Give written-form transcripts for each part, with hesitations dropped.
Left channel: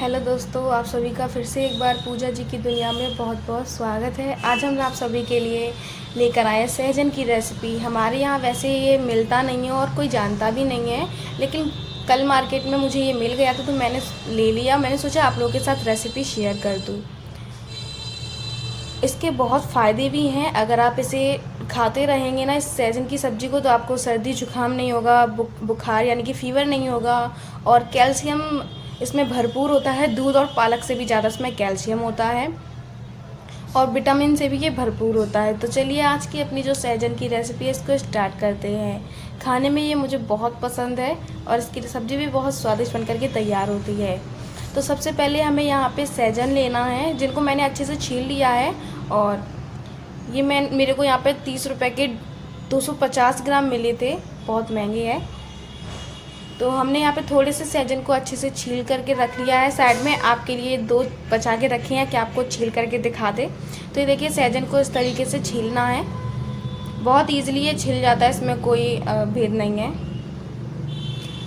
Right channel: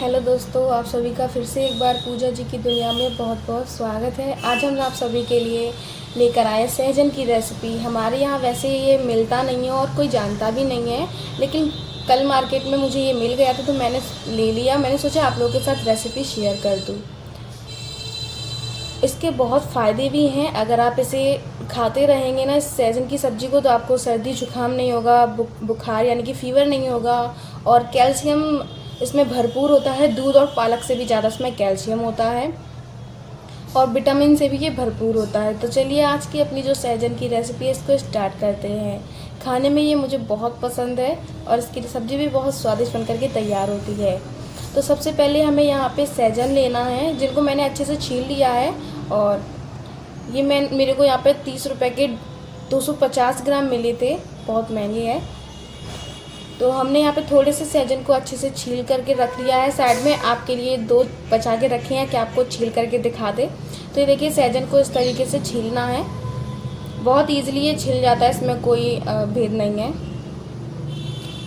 Hello दोस्तों, आप सभी का फिर से एक बार पूजा जी की दुनिया में बहुत बहुत स्वागत है। आज हम आप सभी के लिए लेकर आए सहजन की रेसिपी। हमारे यहाँ वैसे ये मिलता नहीं है और कोई जानता भी नहीं है, लेकिन कल मार्केट में मुझे ये मिल गया था तो मैंने ले लिया। मैंने सोचा आप लोगों के साथ रेसिपी शेयर कर दूँ। इसके बहुत फ़ायदे भी हैं। अगर आप इसे खाते रहेंगे ना, इस सहजन की सब्ज़ी को, तो आपको सर्दी जुकाम नहीं होगा, बुखार यानी कि फ़ीवर नहीं होगा। और कैल्शियम इसमें भरपूर होता है। दूध और पालक से भी ज़्यादा इसमें कैल्शियम होता है और विटामिन से भी ये भरपूर होता है। तो चलिए आज की अपनी जो सहजन की रेसिपी है इसको स्टार्ट करते हैं। खाने में ये मुझे बहुत पसंद है और इसकी सब्ज़ी भी बहुत स्वादिष्ट बनकर के तैयार होती है। तो सबसे पहले हमें यहाँ पे सहजन लेना है, जिनको मैंने अच्छे से छील लिया है। और ये मेरे को यहाँ पे 30 रुपये के 250 ग्राम मिले थे, बहुत महंगे हैं। तो हमने यहाँ पे थोड़े से सहजन को अच्छे से छील करके रख लिया है। साइड में आपके लिए 2 बचा के रखे हैं कि आपको छील करके दिखा दे। तो ये देखिए, सहजन को इस तरीके से छीलना है। बहुत ईजिली ये छिल जाता है, इसमें कोई भेद नहीं है।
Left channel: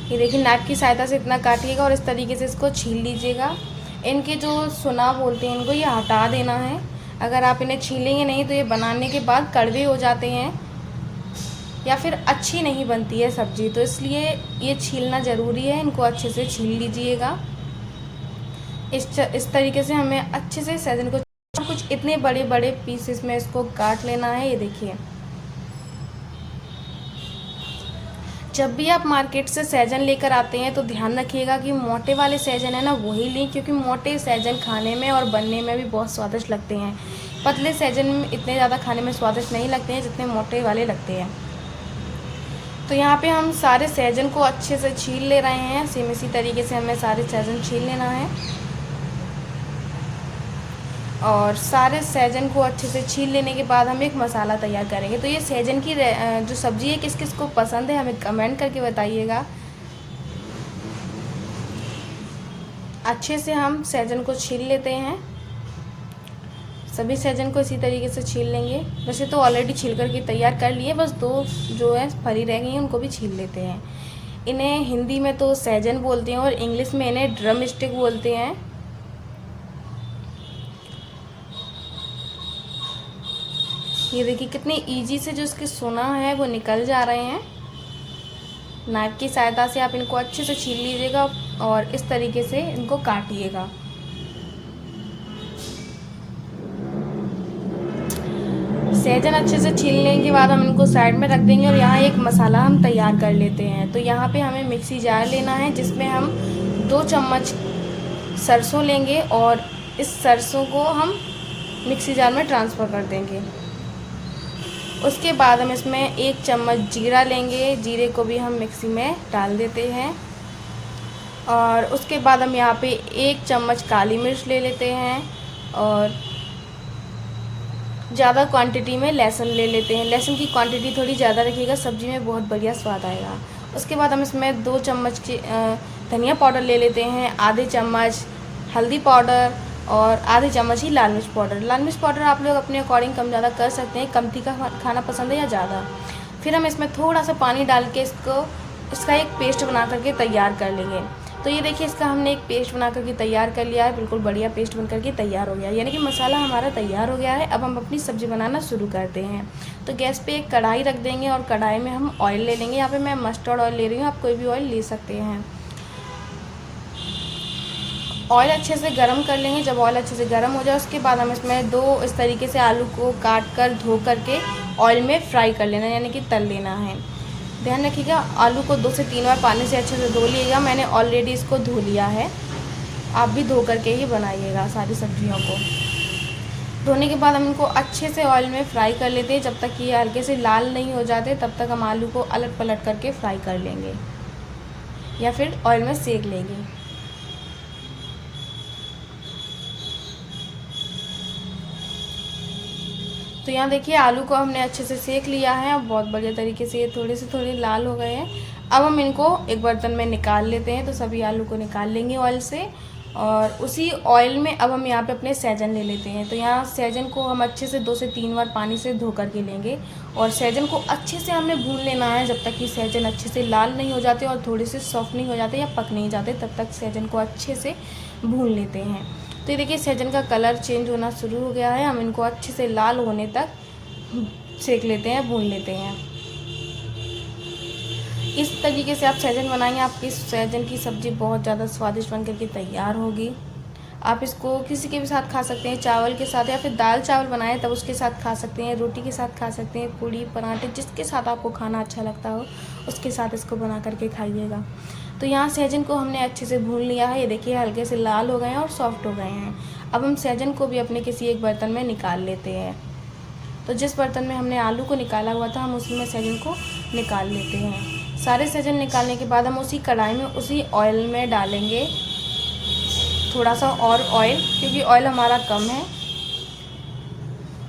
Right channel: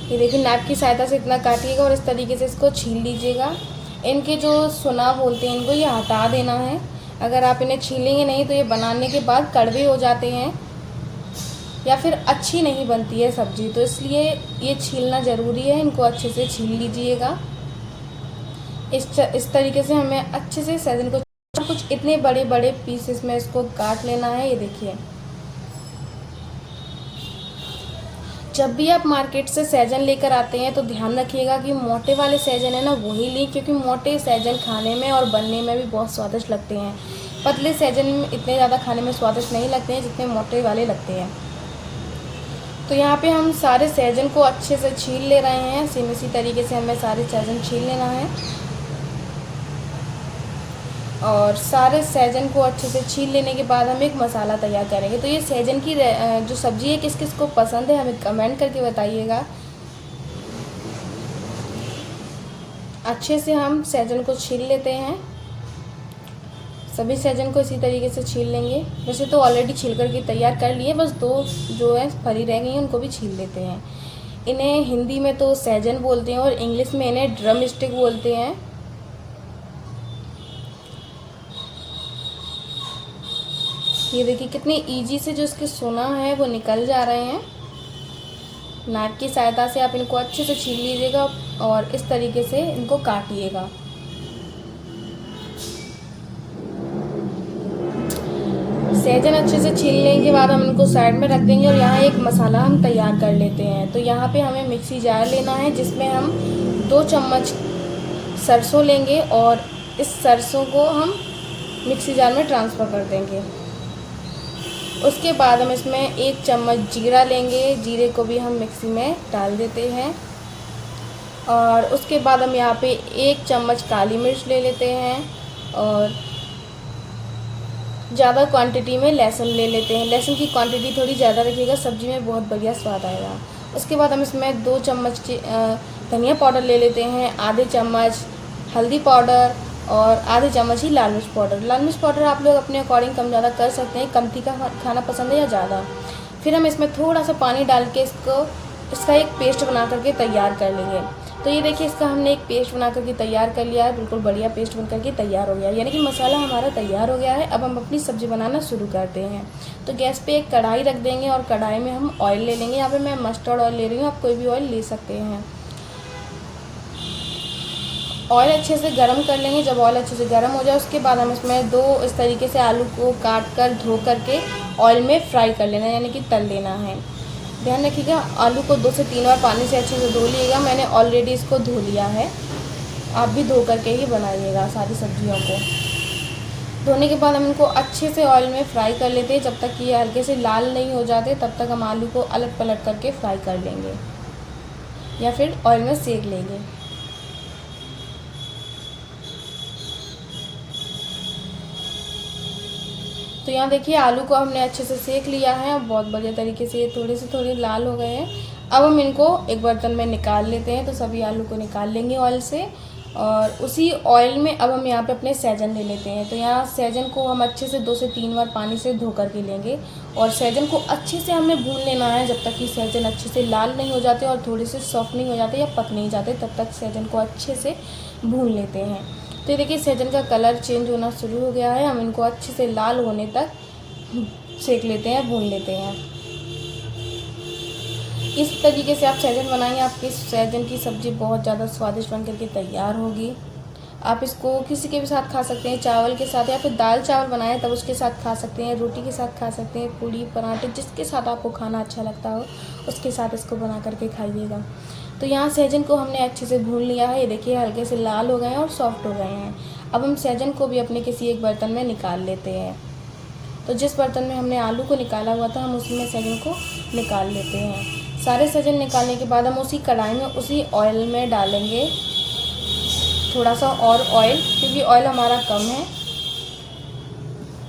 ये देखिए, नाइफ की सहायता से इतना काटिएगा और इस तरीके से इसको छील लीजिएगा। इनके जो सुना बोलते हैं, इनको ये हटा देना है। अगर आप इन्हें छीलेंगे नहीं तो ये बनाने के बाद कड़वे हो जाते हैं या फिर अच्छी नहीं बनती है सब्जी। तो इसलिए ये छीलना ज़रूरी है। इनको अच्छे से छील लीजिएगा। इस तरीके से हमें अच्छे से सहजन को कुछ इतने बड़े बड़े पीसेस में इसको काट लेना है। ये देखिए, जब भी आप मार्केट से सहजन लेकर आते हैं तो ध्यान रखिएगा कि मोटे वाले सहजन है ना, वही लें, क्योंकि मोटे सहजन खाने में और बनने में भी बहुत स्वादिष्ट लगते हैं। पतले सहजन इतने ज़्यादा खाने में स्वादिष्ट नहीं लगते हैं जितने मोटे वाले लगते हैं। तो यहाँ पे हम सारे सहजन को अच्छे से छील ले रहे हैं। सेम इसी तरीके से हमें सारे सहजन छील लेना है और सारे सहजन को अच्छे से छील लेने के बाद हम एक मसाला तैयार करेंगे। तो ये सहजन की जो सब्ज़ी है किस किस को पसंद है हमें कमेंट करके बताइएगा। अच्छे से हम सहजन को छील लेते हैं। सभी सहजन को इसी तरीके से छील लेंगे। वैसे तो ऑलरेडी छील करके तैयार कर लिए, बस 2 जो है फरी रह गई उनको भी छील लेते हैं। इन्हें हिंदी में तो सहजन बोलते हैं और इंग्लिश में इन्हें ड्रम स्टिक बोलते हैं। ये देखिए, कितनी इजी से जो इसके सोना है वो निकल जा रहे हैं। नाइफ की सहायता से आप इनको अच्छे से छील लीजिएगा और इस तरीके से इनको काटिएगा। सहजन अच्छे से छीलने के बाद हम इनको साइड में रख देंगे और यहाँ एक मसाला हम तैयार कर लेते हैं। तो यहाँ पे हमें मिक्सी जार लेना है, जिसमें हम 2 चम्मच सरसों लेंगे और इस सरसों को हम मिक्सी जार में ट्रांसफ़र कर देंगे। उसके बाद हम इसमें 1 चम्मच जीरा लेंगे। जीरे को भी हम मिक्सी में डाल देते हैं और उसके बाद हम यहाँ पे 1 चम्मच काली मिर्च ले लेते हैं और ज़्यादा क्वांटिटी में लहसुन ले लेते हैं। लहसुन की क्वांटिटी थोड़ी ज़्यादा रखिएगा, सब्ज़ी में बहुत बढ़िया स्वाद आएगा। उसके बाद हम इसमें 2 चम्मच धनिया पाउडर ले लेते हैं, आधे चम्मच हल्दी पाउडर और आधे चम्मच ही लाल मिर्च पाउडर। लाल मिर्च पाउडर आप लोग अपने अकॉर्डिंग कम ज़्यादा कर सकते हैं, कम तीखा खाना पसंद है या ज़्यादा। फिर हम इसमें थोड़ा सा पानी डाल के इसका एक पेस्ट बना करके तैयार कर लेंगे। तो ये देखिए, इसका हमने एक पेस्ट बना करके तैयार कर लिया है। बिल्कुल बढ़िया पेस्ट बन करके तैयार हो गया, यानी कि मसाला हमारा तैयार हो गया है। अब हम अपनी सब्ज़ी बनाना शुरू करते हैं। तो गैस पे एक कढ़ाई रख देंगे और कढ़ाई में हम ऑयल ले लेंगे। यहाँ पे मैं मस्टर्ड ऑयल ले रही हूँ, आप कोई भी ऑयल ले सकते हैं। ऑयल अच्छे से गर्म कर लेंगे। जब ऑयल अच्छे से गर्म हो जाए उसके बाद हम इसमें 2 इस तरीके से आलू को काट कर धो करके ऑयल में फ्राई कर लेना, यानी कि तल लेना है। ध्यान रखिएगा, आलू को 2 से 3 बार पानी से अच्छे से धो लीजिएगा। मैंने ऑलरेडी इसको धो लिया है, आप भी धो करके ही बनाइएगा सारी सब्जियों को। धोने के बाद हम इनको अच्छे से ऑयल में फ्राई कर लेते हैं। जब तक ये हल्के से लाल नहीं हो जाते तब तक हम आलू को अलट पलट करके फ्राई कर लेंगे या फिर ऑयल में सेक लेंगे। तो यहाँ देखिए, आलू को हमने अच्छे से सेक लिया है। बहुत बढ़िया तरीके से ये थोड़े लाल हो गए हैं। अब हम इनको एक बर्तन में निकाल लेते हैं। तो सभी आलू को निकाल लेंगे ऑयल से और उसी ऑयल में अब हम यहाँ पे अपने सहजन ले लेते हैं। तो यहाँ सहजन को हम अच्छे से 2 से 3 बार पानी से धो करके लेंगे और सहजन को अच्छे से हमें भून लेना है जब तक कि सहजन अच्छे से लाल नहीं हो जाते और थोड़े से सॉफ्ट नहीं हो जाते या पक नहीं जाते, तब तक सहजन को अच्छे से भून लेते हैं। तो ये देखिए सहजन का कलर चेंज होना शुरू हो गया है। हम इनको अच्छे से लाल होने तक सेक लेते हैं, भून लेते हैं। इस तरीके से आप सहजन बनाएंगे, आपकी सहजन की सब्ज़ी बहुत ज़्यादा स्वादिष्ट बन करके तैयार होगी। आप इसको किसी के भी साथ खा सकते हैं, चावल के साथ, या फिर दाल चावल बनाए तब उसके साथ खा सकते हैं, रोटी के साथ खा सकते हैं, पूड़ी पराठे, जिसके साथ आपको खाना अच्छा लगता हो उसके साथ इसको बना करके खाइएगा। तो यहाँ सहजन को हमने अच्छे से भून लिया है। ये देखिए हल्के से लाल हो गए हैं और सॉफ्ट हो गए हैं। अब हम सहजन को भी अपने किसी एक बर्तन में निकाल लेते हैं। तो जिस बर्तन में हमने आलू को निकाला हुआ था हम उसमें सहजन को निकाल लेते हैं। सारे सहजन निकालने के बाद हम उसी कढ़ाई में उसी ऑयल में डालेंगे थोड़ा सा और ऑयल, क्योंकि ऑयल हमारा कम है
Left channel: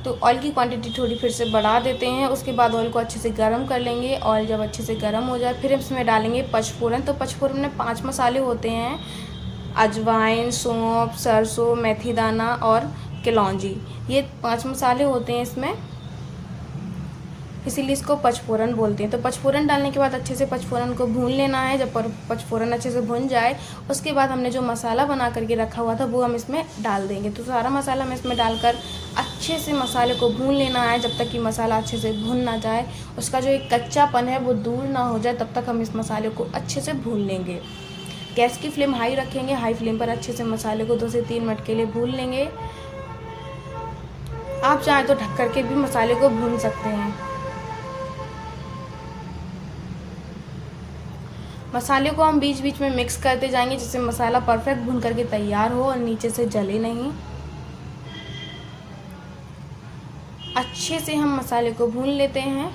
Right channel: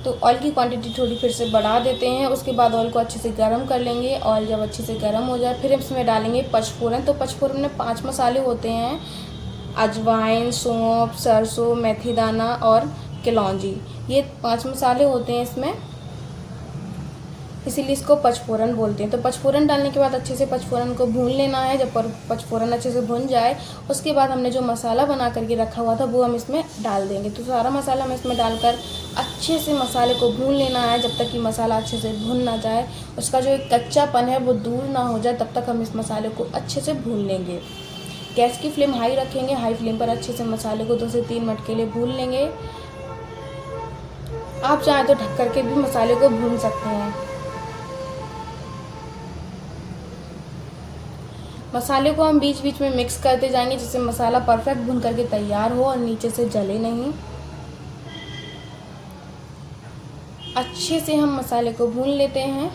तो ऑयल की क्वांटिटी थोड़ी फिर से बढ़ा देते हैं। उसके बाद ऑयल को अच्छे से गर्म कर लेंगे। ऑयल जब अच्छे से गर्म हो जाए फिर इसमें डालेंगे पचफोरन। तो पचफोरन में 5 मसाले होते हैं, अजवाइन, सौंफ, सरसों, मेथी दाना और कलौंजी। ये 5 मसाले होते हैं इसमें, इसीलिए इसको पचफोरन बोलते हैं। तो पचफोरन डालने के बाद अच्छे से पचफोरन को भून लेना है। जब पचफोरन अच्छे से भुन जाए उसके बाद हमने जो मसाला बना करके रखा हुआ था वो हम इसमें डाल देंगे। तो सारा मसाला हम इसमें डालकर अच्छे से मसाले को भून लेना है जब तक कि मसाला अच्छे से भुन ना जाए, उसका जो एक कच्चापन है वो दूर ना हो जाए, तब तक हम इस मसाले को अच्छे से भून लेंगे। गैस की फ्लेम हाई रखेंगे, हाई फ्लेम पर अच्छे से मसाले को 2 से 3 मिनट के लिए भून लेंगे। आप चाहें तो ढक करके भी मसाले को भून सकते हैं। मसाले को हम बीच बीच में मिक्स करते जाएंगे जिससे मसाला परफेक्ट भून करके तैयार हो और नीचे से जले नहीं। अच्छे से हम मसाले को भून लेते हैं।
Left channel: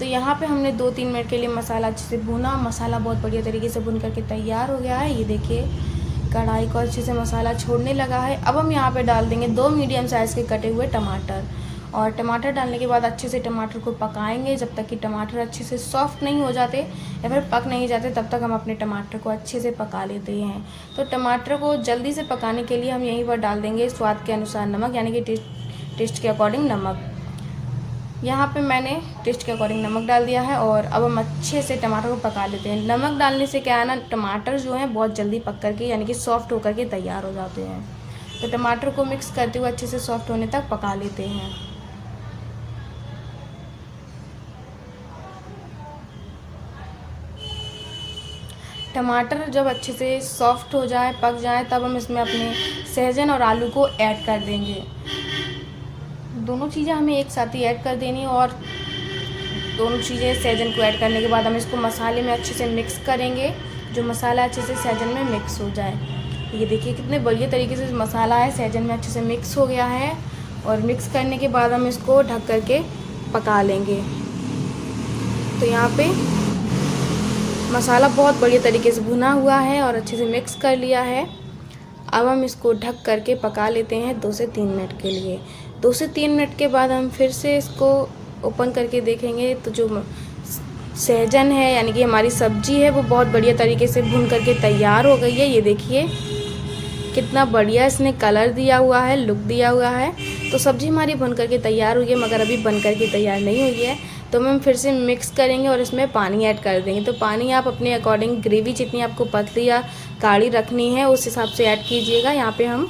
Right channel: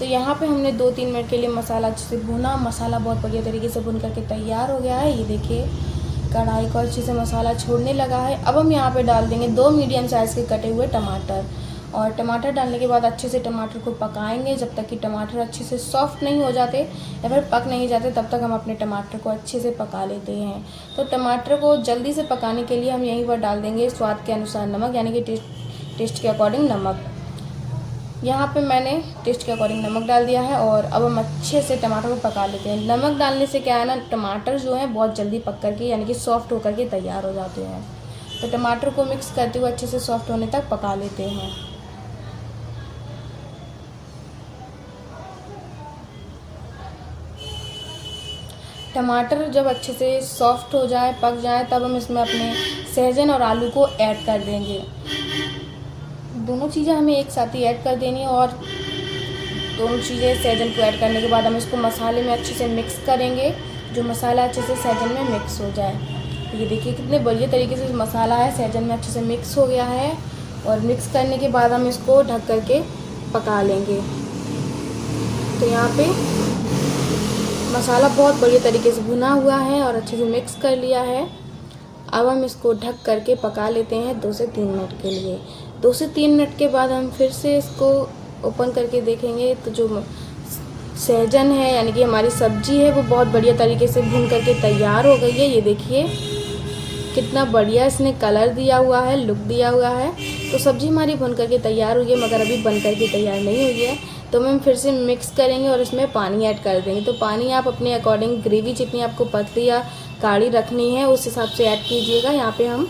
तो यहाँ पे हमने 2-3 मिनट के लिए मसाला अच्छे से भुना। मसाला बहुत बढ़िया तरीके से भुन करके तैयार हो गया है। ये देखिए कढ़ाई को अच्छे से मसाला छोड़ने लगा है। अब हम यहाँ पे डाल देंगे 2 मीडियम साइज़ के कटे हुए टमाटर, और टमाटर डालने के बाद अच्छे से टमाटर को पकाएंगे जब तक कि टमाटर अच्छे से सॉफ्ट नहीं हो जाते या फिर पक नहीं जाते, तब तक हम अपने टमाटर को अच्छे से पका लेते हैं। तो टमाटर को जल्दी से पकाने के लिए हम यहीं पर डाल देंगे स्वाद के अनुसार नमक, यानी कि टेस्ट के अकॉर्डिंग नमक। यहाँ पे मैंने टेस्ट के अकॉर्डिंग नमक डाल दिया है और अब हम अच्छे से टमाटर को पका लेते हैं। नमक डालने से क्या है ना, टमाटर जो है बहुत जल्दी पक करके यानी कि सॉफ्ट होकर के तैयार हो जाते हैं। तो टमाटर को मिक्स करते हुए अच्छे से सॉफ्ट होने तक पका लेते हैं। टमाटर जब अच्छे से सॉफ्ट हो जाए, पक जाए, तब हम इसमें अपने सहजन और आलू को ऐड कर देंगे। दोनों चीज़ें हमें एक साथ ही ऐड कर देनी है और दोनों चीज़ें सहजन को ऐड करने के बाद हम इसको मसाले में अच्छे से मिक्स करेंगे, जो मसाला अच्छे से सहजन में मिक्स हो जाए। ये देखिए कितने बढ़िया तरीके से मसाला है सहजन में अच्छे से मिक्स हो गया है। और मिक्स करने के बाद हम इसको ढक करके पका लेंगे। तो यहाँ पे मसाला बहुत बढ़िया तरीके से भुना हुआ है और अच्छे से मिक्स कर लिया है। अब हम इसको ढक करके पका लेते हैं 2 से 3 मिनट के लिए। 2 से 3 मिनट के बाद हम फिर से इसको ओपन करके देखेंगे तो जो सहजन है यानी कि हमारी सब्जी है वो बहुत बढ़िया तरीके से भून करके तैयार हो गई है। ये देखिए कितना बढ़िया इसने कलर दिया हुआ है, लुक दिया हुआ है। तो सब्जी हमारी भून करके तैयार हुई है, मगर अभी बन करके तैयार नहीं हुई है। तो हम फिर से मिक्स करेंगे और इसमें पानी ऐड कर देंगे। तो पानी आप अपने अकॉर्डिंग, ग्रेवी जितनी आपको पतली या गाढ़ी रखनी है उस हिसाब से ऐड कीजिएगा। यहाँ पे हम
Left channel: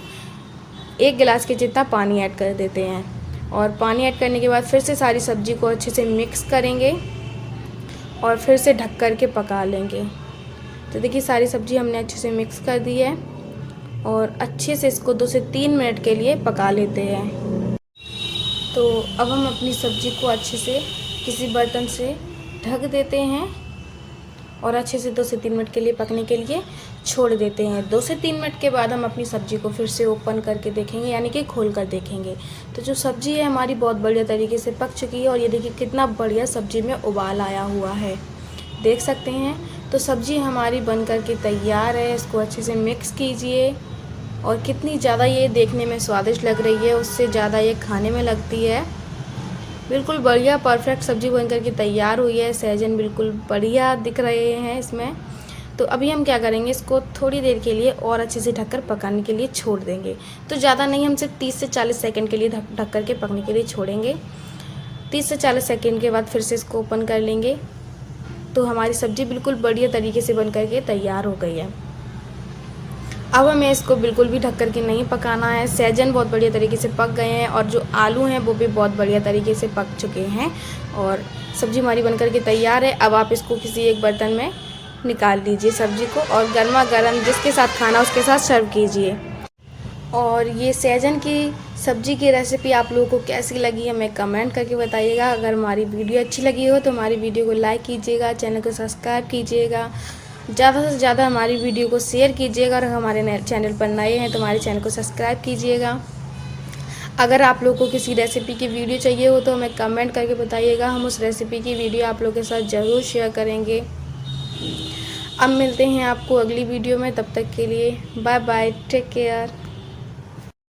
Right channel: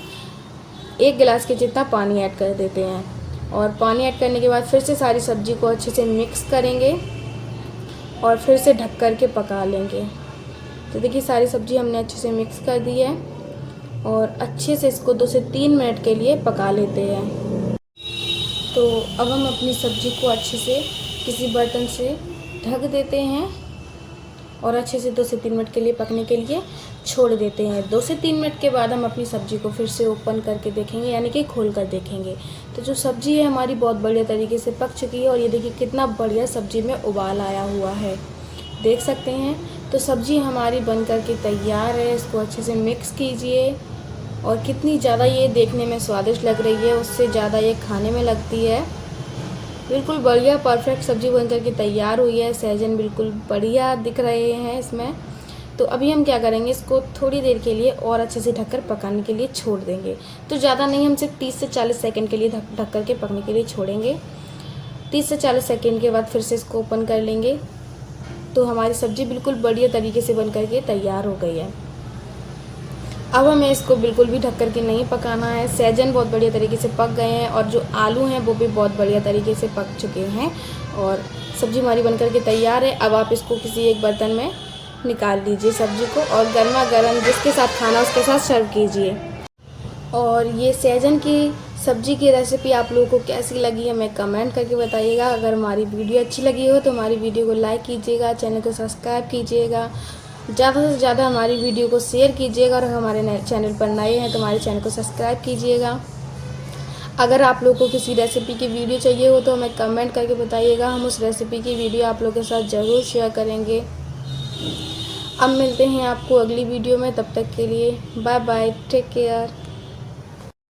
1 गिलास के जितना पानी ऐड कर देते हैं और पानी ऐड करने के बाद फिर से सारी सब्जी को अच्छे से मिक्स करेंगे और फिर से ढक कर के पका लेंगे। तो देखिए सारी सब्जी हमने अच्छे से मिक्स कर दी है और अच्छे से इसको 2 से 3 मिनट के लिए पका लेते हैं। तो अब हम अपनी सब्जी को अच्छे से किसी बर्तन से ढक देते हैं और अच्छे से 2 से 3 मिनट के लिए पकने के लिए छोड़ देते हैं। 2 से 3 मिनट के बाद हम अपनी सब्ज़ी को फिर से ओपन करके देखेंगे, यानी कि खोल कर देखेंगे। तो जो सब्ज़ी है हमारी बहुत बढ़िया तरीके से पक चुकी है और ये देखिए कितना बढ़िया सब्ज़ी में उबाल आया हुआ है, देख सकते हैं। तो सब्ज़ी हमारी बन करके तैयार है। इसको अच्छे से मिक्स कीजिए और कितनी ज़्यादा ये देखने में स्वादिष्ट लग रही है उससे ज़्यादा ये खाने में लगती है। बिल्कुल बढ़िया परफेक्ट सब्ज़ी बन करके तैयार हुई है। सहजन बिल्कुल बढ़िया दिख रहे हैं इसमें। तो अभी हम क्या करेंगे, इसको थोड़ी देर के लिए और अच्छे से ढककर पकाने के लिए छोड़ देंगे। तो ज़्यादा नहीं, हम सिर्फ 30 से 40 सेकंड के लिए ढक कर के पकने के लिए छोड़ेंगे। 30 से 40 सेकंड के बाद फिर से इसको ओपन कर लेंगे। तो हमारी सब्ज़ी बिल्कुल बढ़िया तरीके से बन करके तैयार हो गई है। अब हमें इसको बिल्कुल भी ढक कर के नहीं पकाना है। सहजन बहुत बढ़िया तरीके से पक गए हैं और जो आलू हैं वो भी बहुत बढ़िया तरीके से पक चुके हैं और सब्ज़ी हमारी बन कर के तैयार है। अब आप इसको किसी एक बर्तन में निकाल लीजिए सब्ज़ी को और गर्मा गर्म जिसके साथ खाना उसके साथ सर्व कीजिए। और ये सहजन की सब्ज़ी की रेसिपी आप लोगों को कैसी लगी हमें कमेंट करके बताइएगा। अगर हमारी वीडियो अच्छी लगी हो तो हमारी वीडियो को लाइक कीजिएगा, चैनल को सब्सक्राइब कीजिएगा, ज़्यादा से ज़्यादा हमारी वीडियो को शेयर कीजिएगा। अगर हमारे चैनल पर नए हैं तो हमारे चैनल को सब्सक्राइब कीजिएगा। अगर आप लोगों को किसी रेसिपी की वीडियो चाहिए हो तो हमें कमेंट करके बताइएगा, हम उस रेसिपी की वीडियो आप लोगों के साथ ज़रूर शेयर करेंगे। अब मिलते हैं आपको अगली वीडियो में, तब तक के लिए बाय बाय, टेक केयर।